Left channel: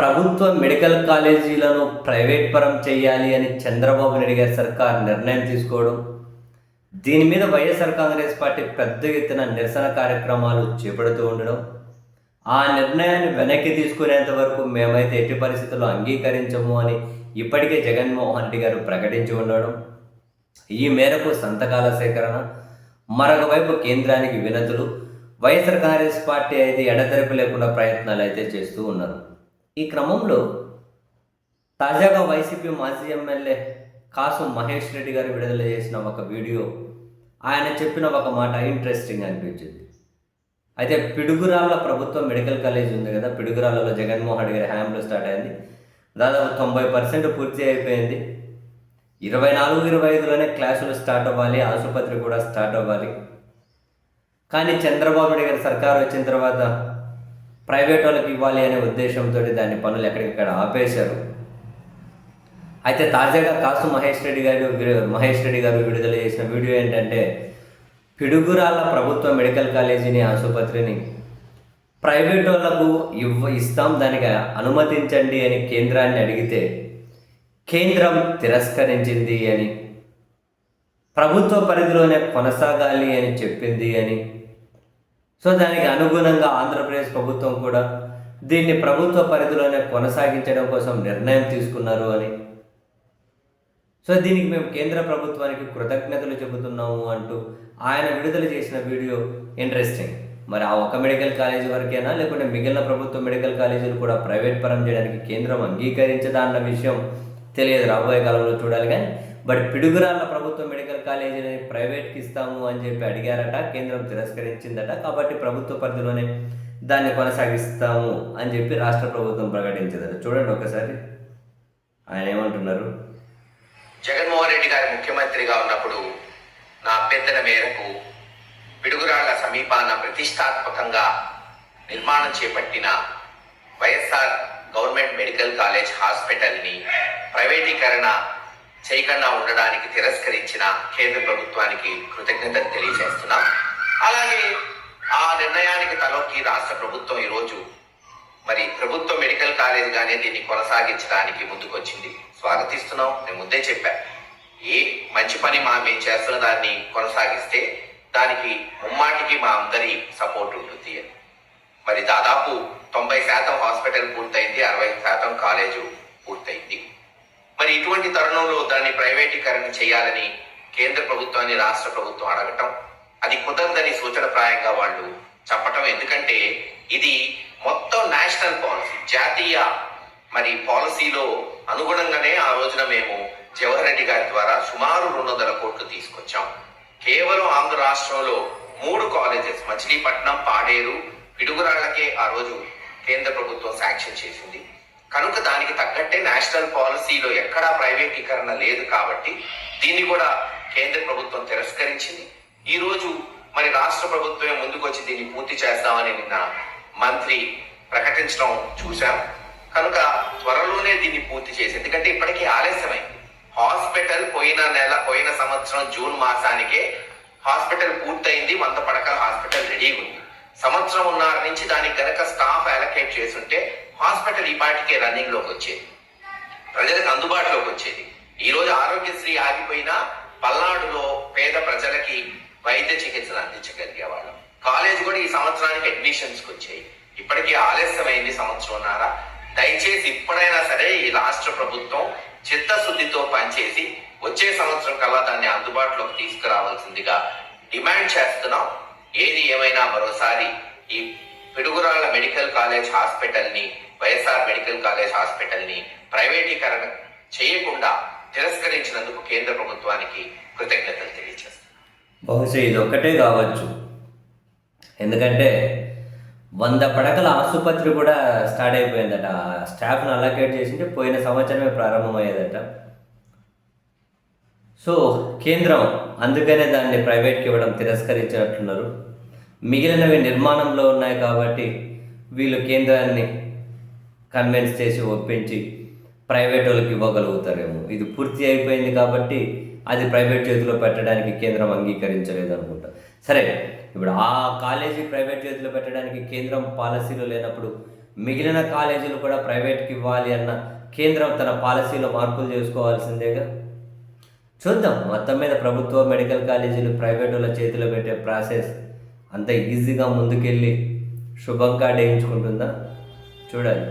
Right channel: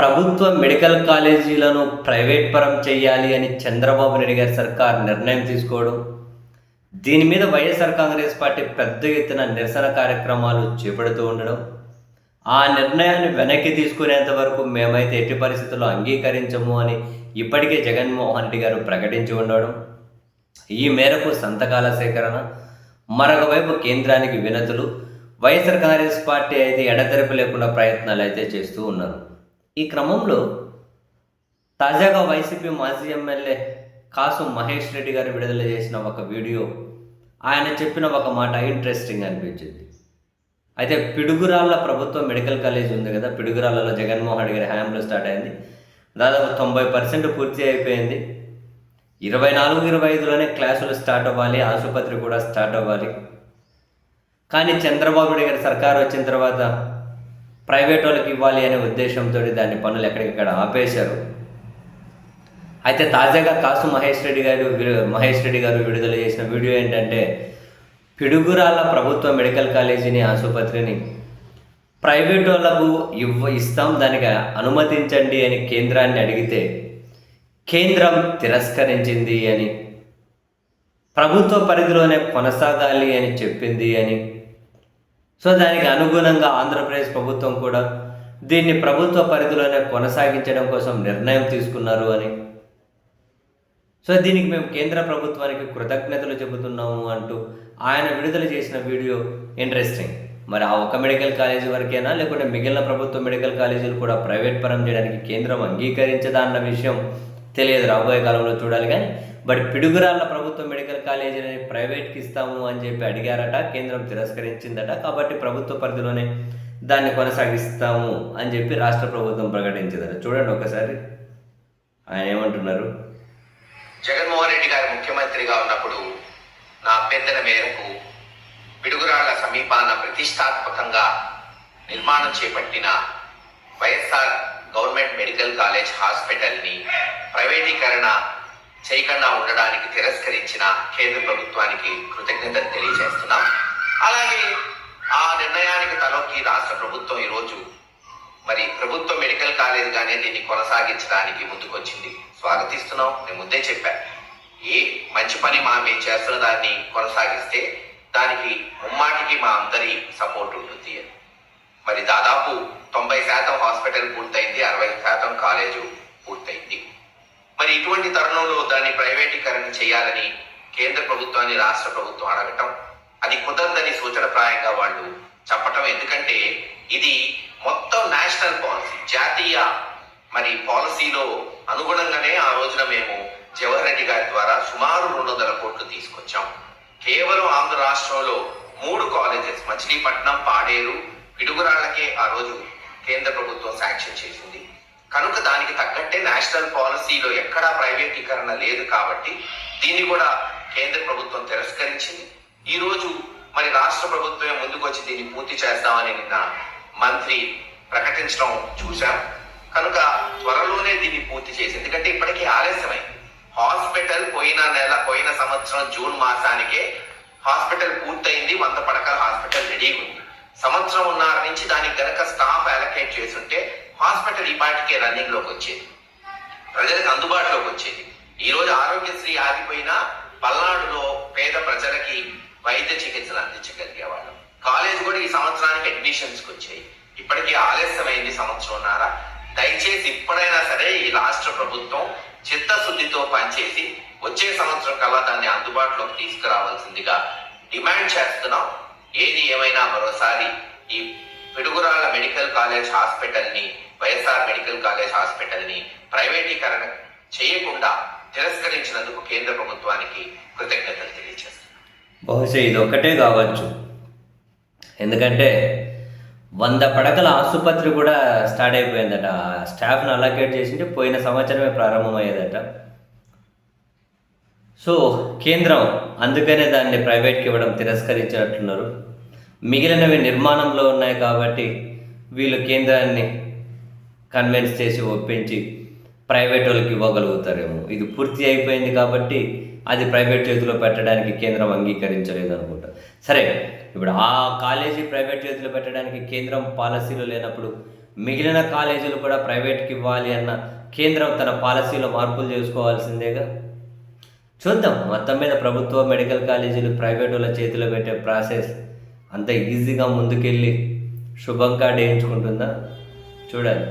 ప్రభుత్వ medical కాలేజీలను private పరం చేయాలి అని చంద్రబాబు నాయుడు గారి సర్కార్ నిర్ణయం తీసుకోవడం, దీని మీద వైఎస్ఆర్ కాంగ్రెస్ పార్టీ పెద్ద ఎత్తున నిరసన కార్యక్రమాలు చేపడుతూ ఉండడం, ఆ నిర్ణయాన్ని వెనక్కి తీసుకునేంత వరకు మేమైతే ఎట్టి పరిస్థితుల్లో అంగీకరించము అని ఇప్పటికే జగన్మోహన్ రెడ్డి గారు ప్రకటించి ఉండడం, ఈ మేరకు సంతకాల సేకరణ, మరొక వైపు కేంద్రానికి వినతులు, వైఎస్ఆర్ కాంగ్రెస్ పార్టీ అయితే ఎడతెరపి లేకుండా ప్రయత్నాలు అయితే చేస్తూ ఉన్నారు. ఈ క్రమంలో తాజాగా వైసీపీ మాజీ ఎమ్మెల్యే కాసు మహేష్ రెడ్డి గారు విడుదల చేసిన ఒక వీడియో, ఆయన చెప్పిన ఒక మాట ఇంట్రెస్టింగ్ అనిపించింది. అయితే పిడుగురాళ్ళ ప్రభుత్వ మెడికల్ కాలేజ్ ఉంది కదా, పిడుగురాళ్ళలో జగన్మోహన్ రెడ్డి గారి హయాంలో స్టార్ట్ అయింది. దాదాపు 90% పూర్తి అయిపోయింది. 24-25లోనే క్లాసులు స్టార్ట్ అవ్వాలి, ఆసుపత్రి కూడా స్టార్ట్ అవ్వాలి. కానీ చంద్రబాబు నాయుడు గారి సర్కారు వచ్చిన తర్వాత ప్రైవేట్ వాళ్ళకి ఇవ్వాలి అనే ఉద్దేశంతో దాని పనులు ఎక్కడికక్కడ ఆపేశారు. అయితే తాజాగా కాసు మహేష్ రెడ్డి గారు విడుదల చేసిన వీడియో ఏంటంటే, పిడుగురాళ్ళ ప్రభుత్వ మెడికల్ కాలేజీని, ఆసుపత్రిని ప్రైవేట్ వాళ్ళకు ఇస్తాం, దానికి అనుమతించండి అని కేంద్రాన్ని అడిగితే కేంద్రం తిరస్కరించింది అని, ప్రభుత్వ పరిధిలోనే కొనసాగాలి అని చెప్పింది అని, సో దానికి అనుగుణంగా ఆంధ్రప్రదేశ్ ప్రభుత్వం కూడా దీన్ని ప్రభుత్వ పరిధిలోనే కొనసాగించడం కోసం నిర్ణయం తీసుకున్నారు అని, సో దీనికి మేము కేంద్ర ప్రభుత్వానికి కృతజ్ఞతలు చెబుతున్నాము అంటూ ఆయన విడుదల చేసిన వీడియో ఇంట్రెస్టింగ్. మరి ఆ ఒక మెడికల్ కాలేజీ వరకేనా, లేకుంటే మిగిలిన ప్రభుత్వ మెడికల్ కాలేజీలు కూడా ప్రైవేట్ పరం చేయడానికి కేంద్రం అంగీకరించదా అన్న విషయం తెలియదు, రాబోయే కాలంలో చూడాలి. కానీ బట్ పిడుగురాళ్ళ ప్రభుత్వ మెడికల్ కాలేజీని ప్రైవేట్కి ఇస్తాము అని చెప్పి అడిగారట, కేంద్రం తిరస్కరించిందట. కాబట్టి ప్రభుత్వ పరిధిలోనే దాన్ని కొనసాగిస్తాము అని చెప్పి రాష్ట్ర ప్రభుత్వం ప్రకటించిందట. చూడండి ఒకసారి ఆయన ఏమంటున్నారు. జగన్మోహన్ రెడ్డి గారు ముఖ్యమంత్రిగా ఉన్నప్పుడు నా అభ్యర్థన మేరకు పిడుగురాళ్ల సమీపాన ప్రతిష్టాత్మకంగా నిర్మాణం చేపట్టిన వైఎస్ఆర్ గవర్నమెంట్ మెడికల్ కాలేజ్ హాస్పిటల్ని ప్రైవేటీకరణ చేయకుండా ఉండడానికి తిరస్కరించిన కేంద్ర ప్రభుత్వానికి కృతజ్ఞతలు తెలియజేస్తున్నాం. అలాగే ఆ నిర్ణయానికి తలొక్కి రాష్ట్ర ప్రభుత్వం ఈరోజు మరి ప్రభుత్వ మెడికల్ కాలేజ్గానే దీన్ని కొనసాగించడానికి ముందుకొచ్చింది. స్వాగతిస్తున్నాం. నేను ముందే చెప్పాను, ఏ మంచి పని మేము చేస్తున్న దాన్ని కొనసాగిస్తే దానికి ముమ్మాటికి మా అందరి సపోర్ట్ ఉంటుంది అని. మరి దాదాపు 90% హాస్పిటల్ పూర్తయింది, 60% కాలేజు పూర్తయింది. మరి ఇటువంటి తరుణంలో దాన్ని ప్రైవేటీకరణ చేయాలని కేంద్ర ప్రభుత్వాన్ని రాష్ట్ర ప్రభుత్వం అడగటం, అది కుదరదని సూచనప్రాయంగా వాళ్ళు చెప్పటం. ఎందుకంటే ఇది మొత్తం నేషనల్ పాలసీ, జాతీయ మరి పాలసీలో అనుగుణంగానే ఆ రోజున మేము జవహర్ రెడ్డి గారి ద్వారా సుమారు 200 కోట్లు తీసుకొచ్చాం. కేవలం ఆంధ్ర రాష్ట్రంలో 3 కాలేజెస్, మచిలీపట్నం, పాడేరు, పిడుగురాళ్లకే ఆ రోజు కేంద్ర ప్రభుత్వం శాంక్షన్ చేసింది. కనుక దానికి తగ్గట్టే నేషనల్ పాలసీలో ఎక్కడా ప్రైవేటీకరణ లేదు. కాబట్టి దీన్ని కూడా కేంద్ర ప్రభుత్వం తిరస్కరించింది. ఈ రోజు మరి రాష్ట్ర ప్రభుత్వమే ముందుకొచ్చి దీన్ని పూర్తి చేస్తామని నిన్న మంత్రి ప్రకటించడం చూశాం. కనుక త్వరలోనే దీన్ని పూర్తి చేసి, ఎందుకంటే ఇప్పటికీ ఆలస్యమైంది. హాస్పిటల్ పోయిన సంవత్సరం జూన్ మాసానికే హాస్పిటల్ పూర్తయింది, 100 పడకల హాస్పిటల్ రెడీగా ఉంది. సంవత్సరం ఉన్నర నుంచి దానికి కనుక స్టాఫ్ అలొకేట్ చేస్తుంటే హాస్పిటల్ ఈ పాటికే రన్నింగ్ లోకి వచ్చేది, ప్రజలకు అందుబాటులోకి వచ్చేది. ఈ రోజు ఆరోగ్యశ్రీ ఆగిపోయినా పల్నాడులో పేద ప్రజలకి వైద్య చికిత్సలు అందించగలిగేవాళ్ళం. కాలేజ్ కూడా ఈ సంవత్సరానికి అడ్మిషన్స్కి వచ్చాయి. ఇప్పటికీ ఆలస్యమైంది సంవత్సరంన్నర. దయచేసి ఇప్పుడైనా సరే ఈ రాష్ట్ర ప్రభుత్వం చిత్తశుద్ధితో పనిచేసి వచ్చే సంవత్సరం కల్లా దాన్ని అందుబాటులోకి తీసుకురావాల్సిందిగా డిమాండ్ చేస్తున్నాం. ఏది ఏమైనా మరోసారి ఈ పిడుగురాళ్ల మెడికల్ కాలేజ్ హాస్పిటల్ని, వైఎస్ఆర్ మెడికల్ కాలేజ్ హాస్పిటల్ని ప్రైవేటీకరణ చేయకుండా తిరస్కరించినందుకు కేంద్ర ప్రభుత్వానికి కృతజ్ఞతలు తెలియజేస్తున్నాం. బహుశా ఇది ఒక్కటే కావచ్చు, ఎందుకంటే 100 పడకల ఆసుపత్రి కూడా స్టార్ట్ అయిపోయిందట. స్టాఫ్ను అలొకేట్ చేసింటే పోయిన సంవత్సరమే ప్రారంభమయ్యేదట. సో కేంద్రం అందుకనే దాన్ని ప్రైవేట్కి ఇవ్వడం తిరస్కరించినట్లున్నారు. మిగిలినవి నిర్మాణంలో ఉన్నాయి కాబట్టి వీళ్ళు కేంద్రాన్ని కన్విన్స్ చేసి ఒప్పించి ప్రైవేట్ వాళ్ళకి ఇవ్వగలుగుతారేమో. ఇది పూర్తి అయిపోయింది కాబట్టి అది ప్రైవేట్ చేతిలో పెట్టడానికి కేంద్రం అంగీకరించలేదు అనుకుంటా. సరే, ఇప్పుడు ఆ కాలేజీ ప్రైవేట్ చేతిలో పెట్టడానికి కేంద్రం పాలసీలో లేనప్పుడు మిగిలిన కాలేజీలు కూడా ప్రైవేట్కి ఇవ్వాలి అన్న కేంద్రం తన పాలసీలో మార్పులు చేసుకోవాల్సిందేగా. చూద్దాం, మొత్తం మీద ప్రభుత్వ మెడికల్ కాలేజీలు ప్రైవేట్ వాళ్ళ చేతిలో పెట్టే ప్రాసెస్ అంత ఈజీగా ముందుకెళ్ళి శుభంగా వేయించుకుంటుందా చూడాలి.